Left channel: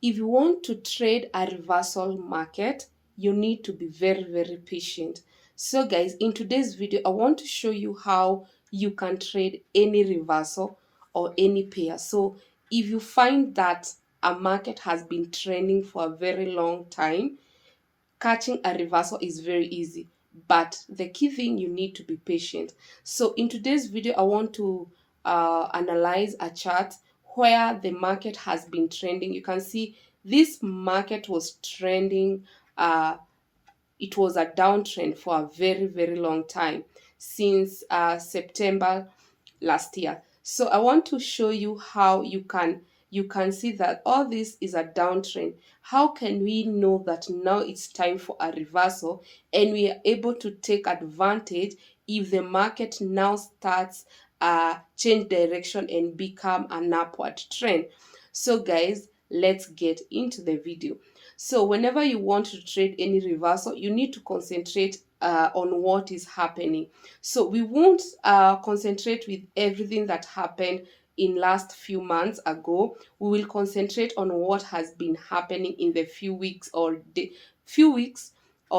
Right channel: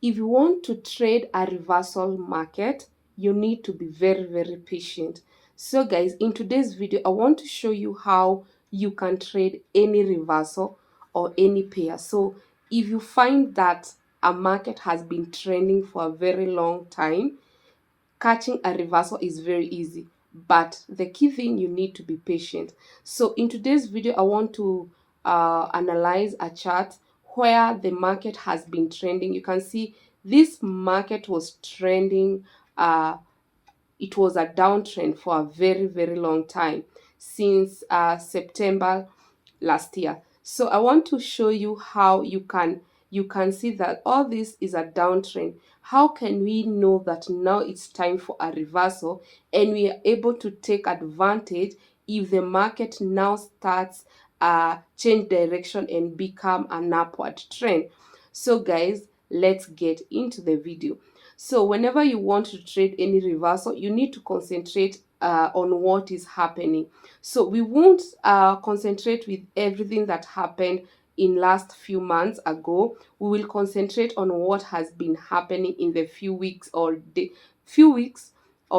If you want to trade a reversal market, you need to be very, very patient. So guys, in today's video, I want to show you how you can trade any reversal or any pair. So if you find that a market has been trending for a very long time, catching a reversal is very easy, but the key thing, you need to be patient. So in today's video, I want to analyze a chart where the market has been trending. You can see this market was trending, it was a downtrend for a very, very long time, since September last year. So I want to show you how you can see that all this is a downtrend. How can we know that now it's time for a reversal and we are able to take advantage if the market now starts change direction and become an upward trend? So guys, let's get into the video. So whenever you want to trade any reversal, you need to concentrate on what is happening. So we won't concentrate with everything that happened in last few months ago. We will concentrate on what has been happening in the few weeks or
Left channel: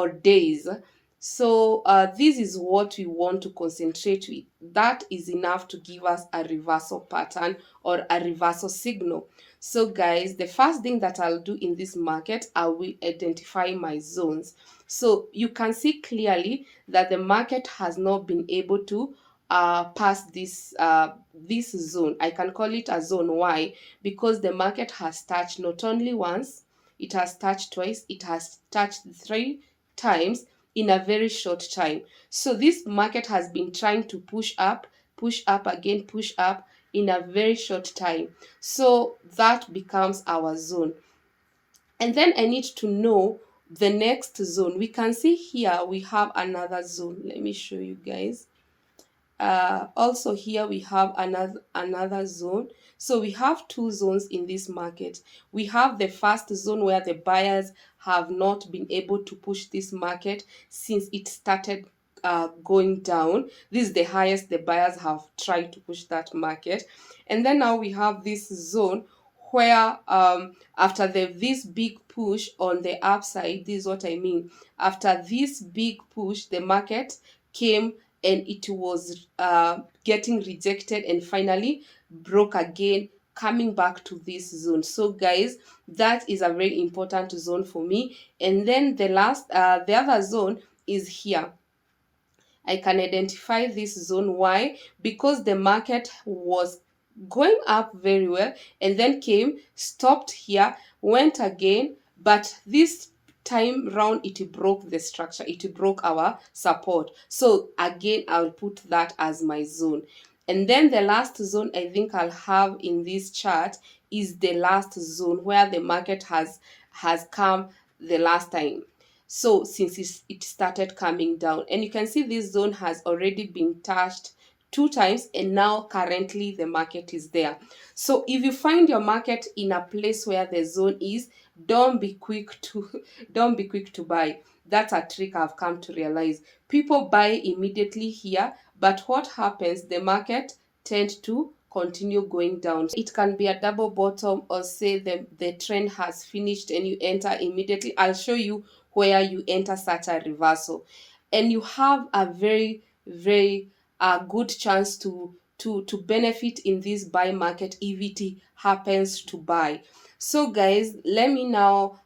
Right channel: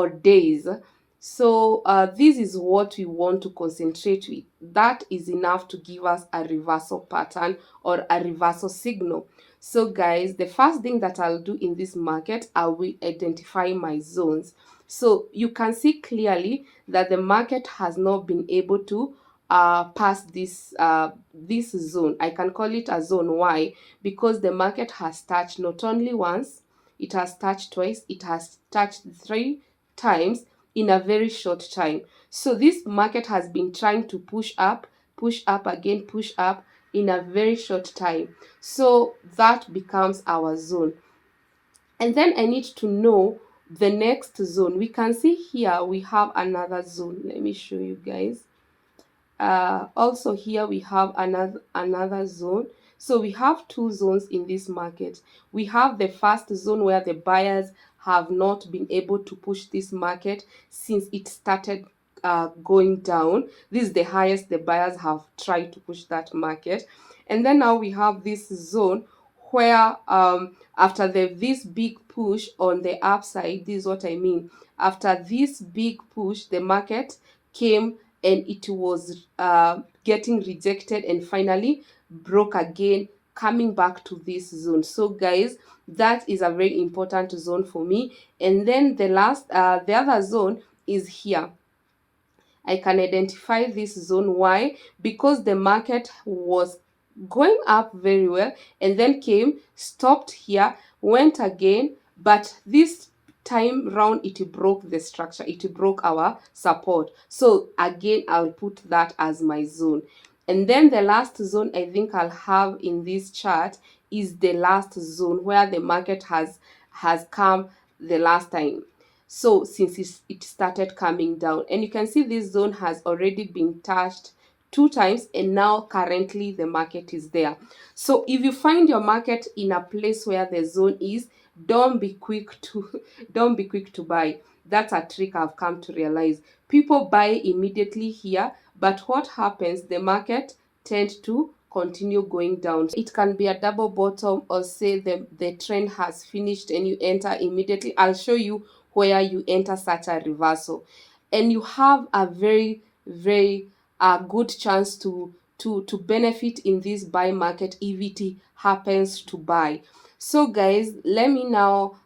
days. So this is what we want to concentrate with. That is enough to give us a reversal pattern or a reversal signal. So guys, the first thing that I'll do in this market, I will identify my zones. So you can see clearly that the market has not been able to pass this zone. I can call it a zone. Why? Because the market has touched not only once, it has touched twice, it has touched 3 times in a very short time. So this market has been trying to push up again, push up in a very short time. So that becomes our zone. And then I need to know the next zone. We can see here we have another zone. Let me show you guys. Also here we have another zone. So we have two zones in this market. We have the first zone where the buyers have not been able to push this market since it started going down. This is the highest the buyers have tried to push that market. And then now we have this zone where after this big push on the upside, this is what I mean. After this big push, the market came and it was getting rejected and finally broke again, coming back to this zone. So guys, that is a very important zone for me. And then the other zone is here. I can identify this zone. Why? Because the market was going up very well and then came, stopped here, went again, but this time round it broke the structure, it broke our support. So again, I'll put that as my zone. And then the last zone I think I'll have in this chart is the last zone where the market has come the last time. So since it started coming down, and you can see this zone has already been touched 2 times, and now currently the market is there. So if you find your market in a place where the zone is, don't be quick to don't be quick to buy. That's a trick I've come to realize. People buy immediately here, but what happens? The market tends to continue going down. It can be a double bottom, or say the trend has finished and you enter immediately. I'll show you where you enter such a reversal, and you have a very, very good chance to benefit in this buy market if it happens to buy. So guys, let me now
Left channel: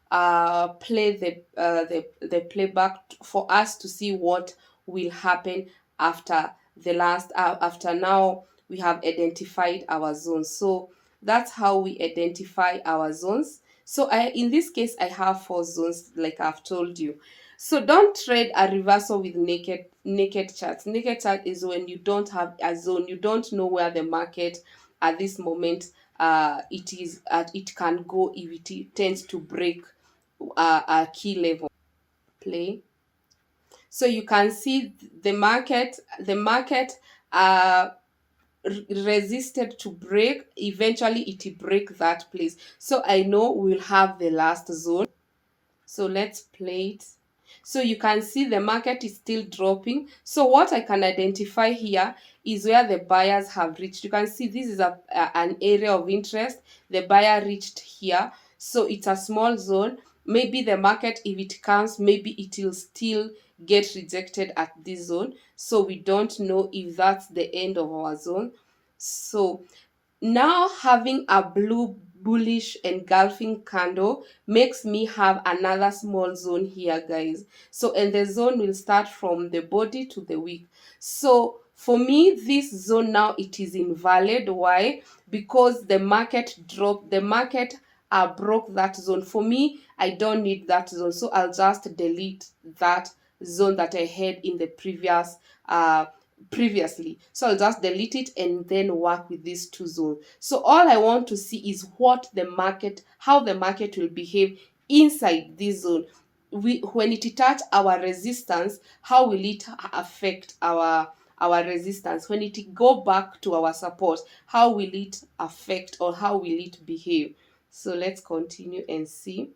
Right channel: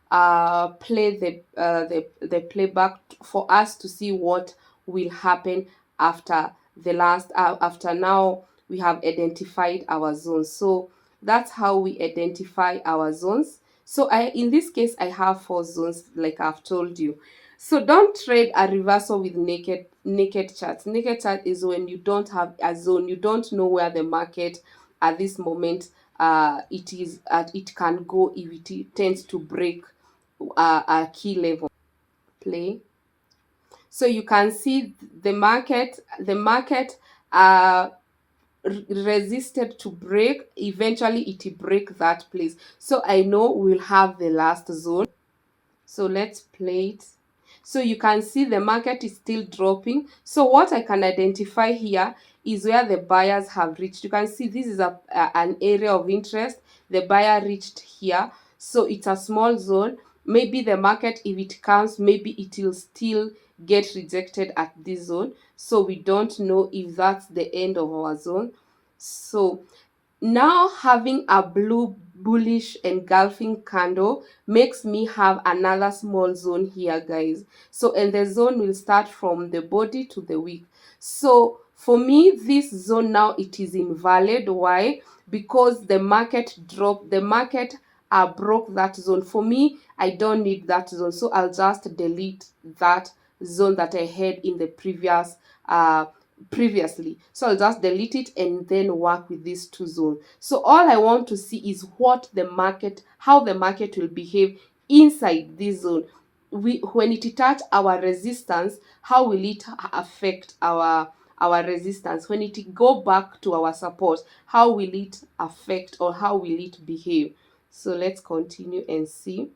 play the playback for us to see what will happen after after now we have identified our zones. So that's how we identify our zones. So in this case, I have 4 zones, like I've told you. So don't trade a reversal with naked charts. Naked chart is when you don't have a zone, you don't know where the market at this moment it can go if it tends to break a key level. Play. So you can see the market resisted to break. Eventually it break that place. So I know we'll have the last zone. So let's play it. So you can see the market is still dropping. So what I can identify here is where the buyers have reached. You can see this is an area of interest. The buyer reached here. So it's a small zone. Maybe the market, if it comes, maybe it will still get rejected at this zone. So we don't know if that's the end of our zone. So now having a blue bullish engulfing candle makes me have another small zone here, guys. So, and the zone will start from the body to the wick. So for me, this zone now, it is invalid. Why? Because the market dropped, the market broke that zone. For me, I don't need that zone, so I'll just delete that zone that I had in the previously. So I'll just delete it and then work with these two zones. So all I want to see is what the market, how the market will behave inside this zone. When it touch our resistance, how will it affect our resistance? When it go back to our support, how will it affect, or how will it behave? So let's continue and see.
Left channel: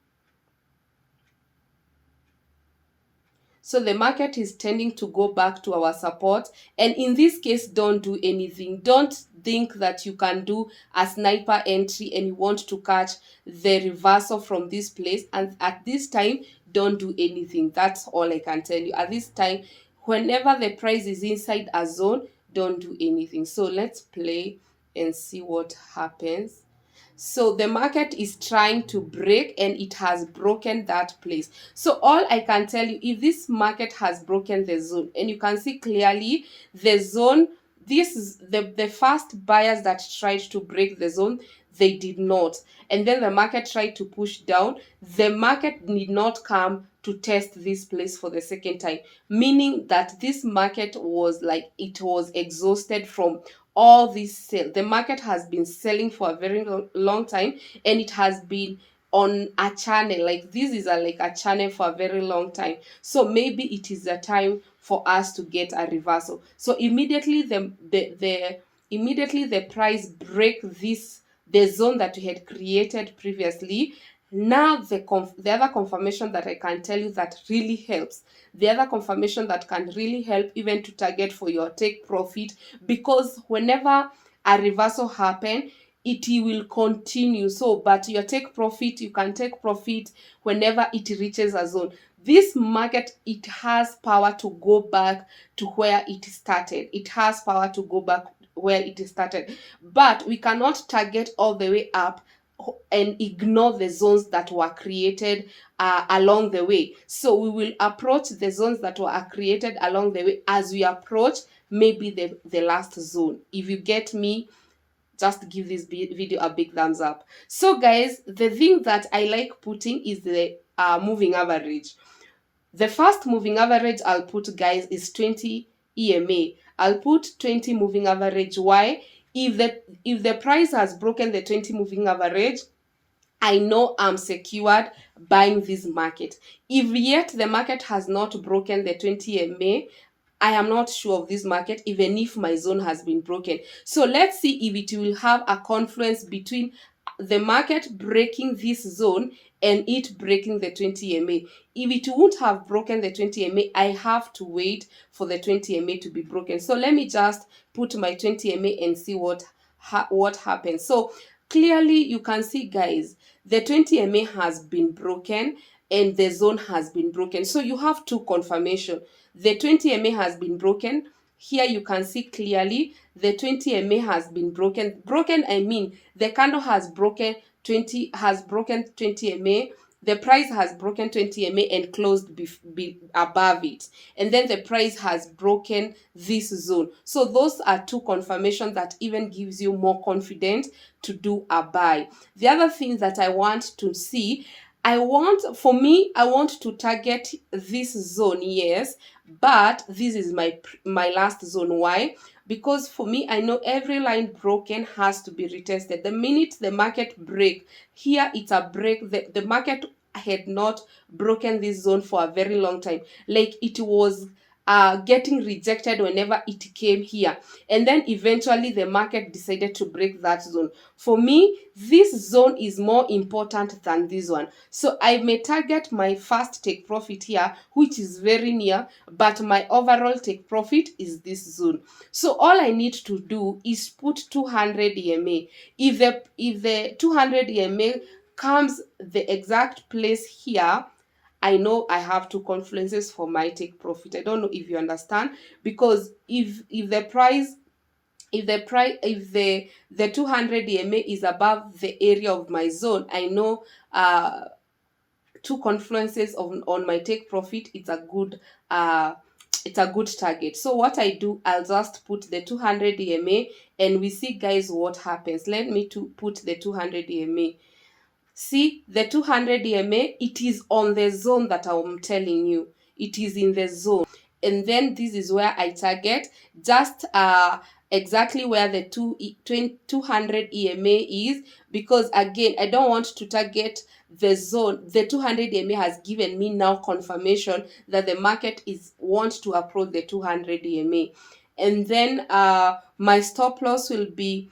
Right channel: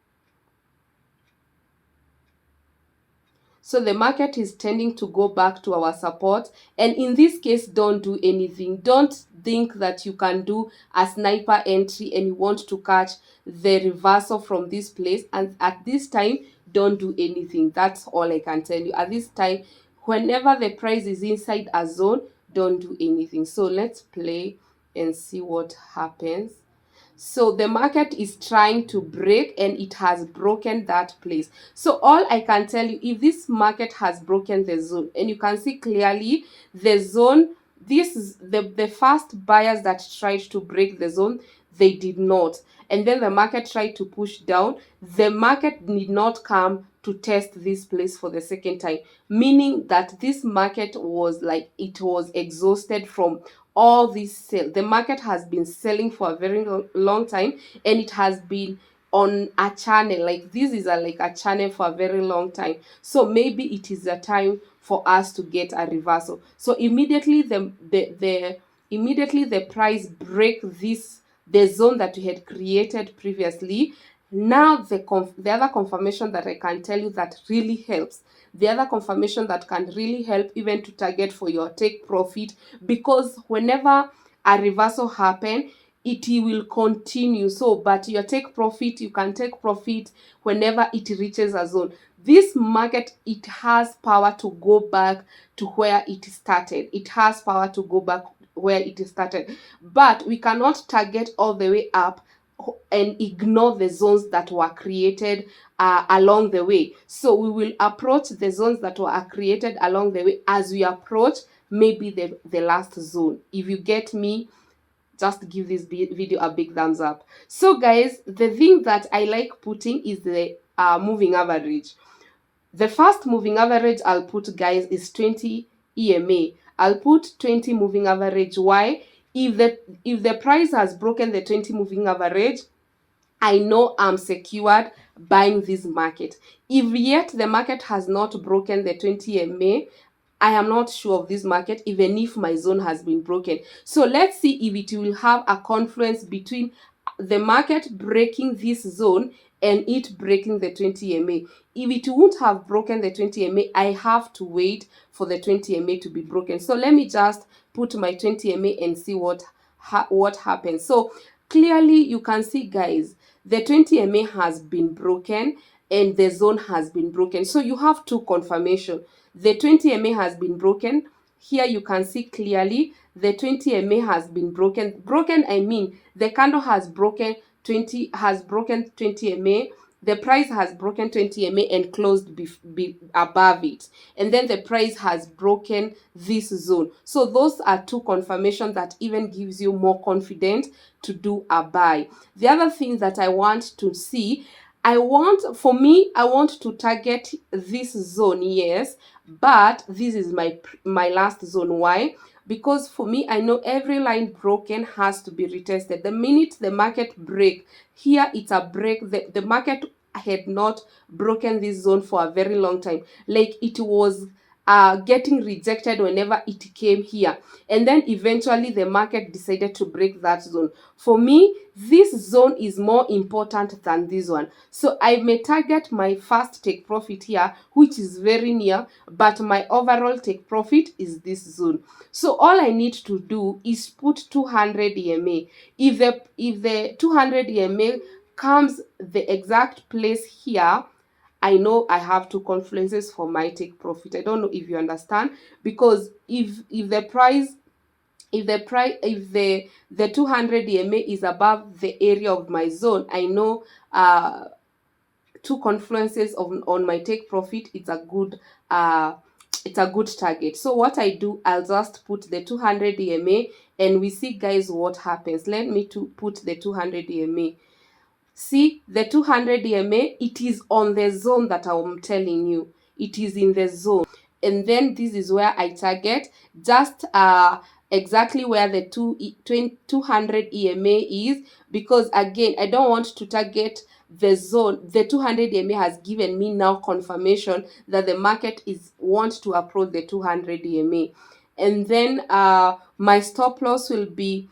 So the market is tending to go back to our support. And in this case, don't do anything. Don't think that you can do a sniper entry and you want to catch the reversal from this place. And at this time, don't do anything. That's all I can tell you. At this time, whenever the price is inside a zone, don't do anything. So let's play and see what happens. So the market is trying to break and it has broken that place. So all I can tell you, if this market has broken the zone, and you can see clearly the zone, this is the first buyers that tried to break the zone, they did not. And then the market tried to push down. The market did not come to test this place for the second time, meaning that this market was like, it was exhausted from all this sale. The market has been selling for a very long time, and it has been on a channel like this is like a channel for a very long time. So maybe it is a time for us to get a reversal. So immediately the price break this, the zone that we had created previously. Now the other confirmation that I can tell you that really helps, the other confirmation that can really help even to target for your take profit, because whenever a reversal happen, it will continue. So but your take profit, you can take profit whenever it reaches a zone. This market, it has power to go back to where it started. It has power to go back where it started, but we cannot target all the way up and ignore the zones that were created along the way. So we will approach the zones that were created along the way as we approach maybe the last zone. If you get me, just give this video a big thumbs up. So guys, the thing that I like putting is the moving average. The first moving average I'll put, guys, is 20 EMA. I'll put 20 moving average. Why? If the price has broken the 20 moving average, I know I'm secured buying this market. If yet the market has not broken the 20 EMA, I am not sure of this market, even if my zone has been broken. So let's see if it will have a confluence between the market breaking this zone and it breaking the 20 EMA. If it won't have broken the 20 EMA, I have to wait for the 20 EMA to be broken. So let me just put my 20 EMA and see what happens. So clearly you can see, guys, the 20 EMA has been broken and the zone has been broken. So you have two confirmation. The 20 EMA has been broken. Here you can see clearly the 20 EMA has been broken. Broken, I mean the candle has broken 20 EMA. The price has broken 20 EMA and closed above it. And then the price has broken this zone. So those are two confirmations that even gives you more confidence to do a buy. The other thing that I want to see, I want to target this zone, yes, but this is my last zone. Why? Because for me, I know every line broken has to be retested. The minute the market break, here it's a break. The market had not broken this zone for a very long time. Like it was getting rejected whenever it came here. And then eventually the market decided to break that zone. For me, this zone is more important than this one. So I may target my first take profit here, which is very near, but my overall take profit is this zone. So all I need to do is put 200 EMA. If the 200 EMA comes the exact place here, I know I have two confluences for my take profit. I don't know if you understand, because if the price, if the 200 EMA is above the area of my zone, I know two confluences on my take profit, it's a good target. So what I do, I'll just put the 200 EMA, and we see, guys, what happens. Let me to put the 200 EMA. See, the 200 EMA, it is on the zone that I'm telling you. It is in the zone. And then this is where I target, just exactly where the 200 EMA is, because again, I don't want to target the zone. The 200 EMA has given me now confirmation that the market wants to approach the 200 EMA. And then my stop loss will be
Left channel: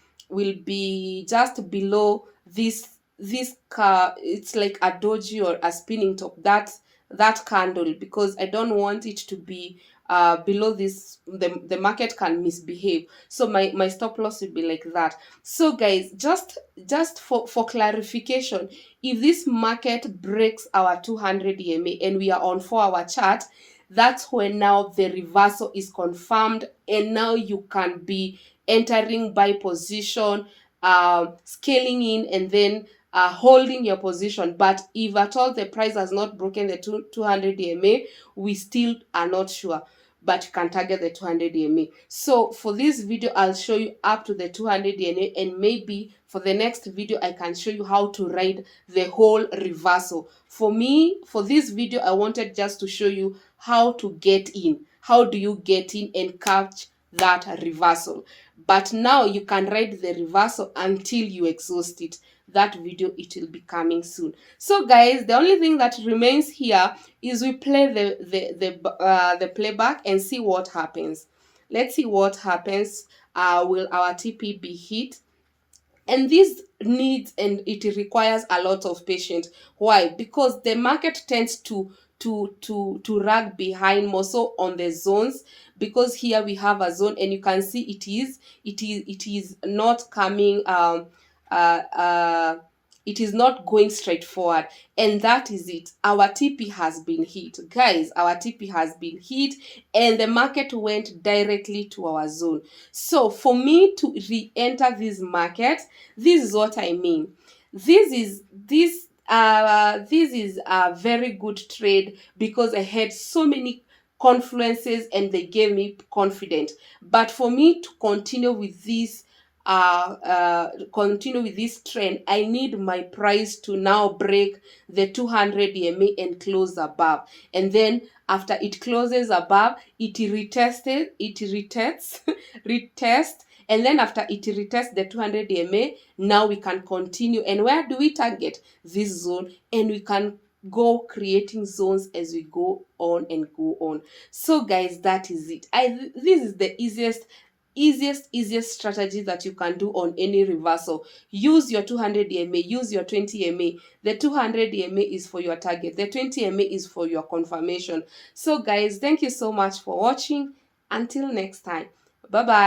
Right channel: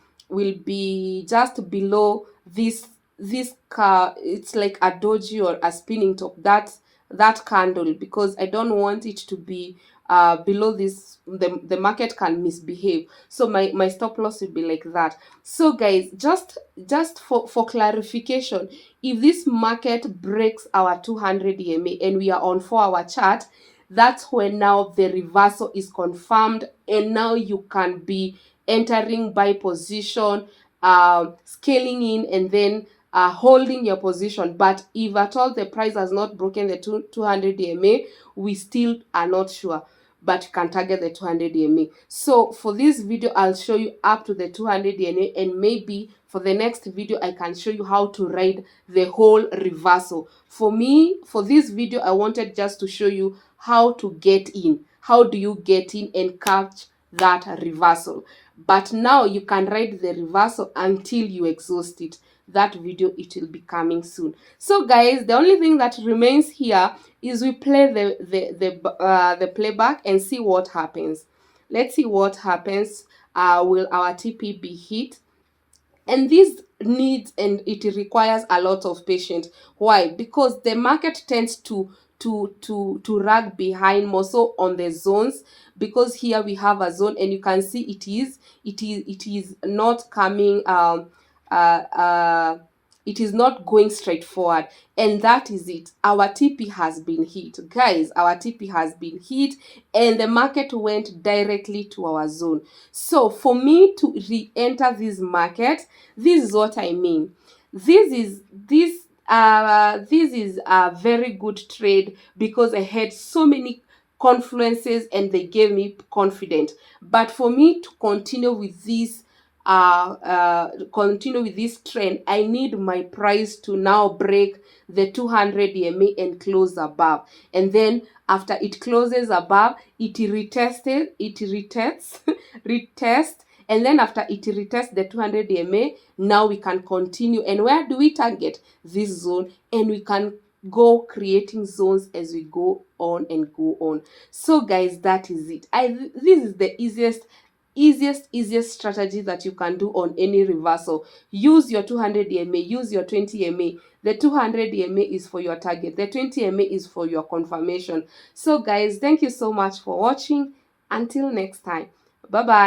just below this it's like a doji or a spinning top, that candle, because I don't want it to be below this. The market can misbehave, so my stop loss will be like that. So guys, just for clarification, if this market breaks our 200 EMA and we are on 4-hour chart, that's when now the reversal is confirmed, and now you can be entering buy position, scaling in, and then holding your position. But if at all the price has not broken the 200 EMA, we still are not sure, but you can target the 200 EMA. So for this video, I'll show you up to the 200 EMA, and maybe for the next video, I can show you how to ride the whole reversal. For me, for this video, I wanted just to show you how to get in. How do you get in and catch that reversal? But now you can ride the reversal until you exhaust it. That video, it will be coming soon. So guys, the only thing that remains here is we play the playback and see what happens. Let's see what happens. Will our TP be hit? And this needs, and it requires a lot of patience. Why? Because the market tends to rag behind more so on the zones, because here we have a zone, and you can see it is not coming it is not going straight forward, and that is it. Our TP has been hit, guys. Our TP has been hit, and the market went directly to our zone. So for me to re-enter this market, this is what I mean. This is a very good trade, because I had so many confluences and they gave me confidence. But for me to continue with this trend, I need my price to now break the 200 EMA and close above. And then after it closes above, it retests, and then after it retests the 200 EMA, now we can continue. And where do we target? This zone, and we can go creating zones as we go on and go on. So guys, that is it. This is the easiest strategy that you can do on any reversal. Use your 200 EMA, use your 20 EMA. The 200 EMA is for your target, the 20 EMA is for your confirmation. So guys, thank you so much for watching. Until next time, bye bye.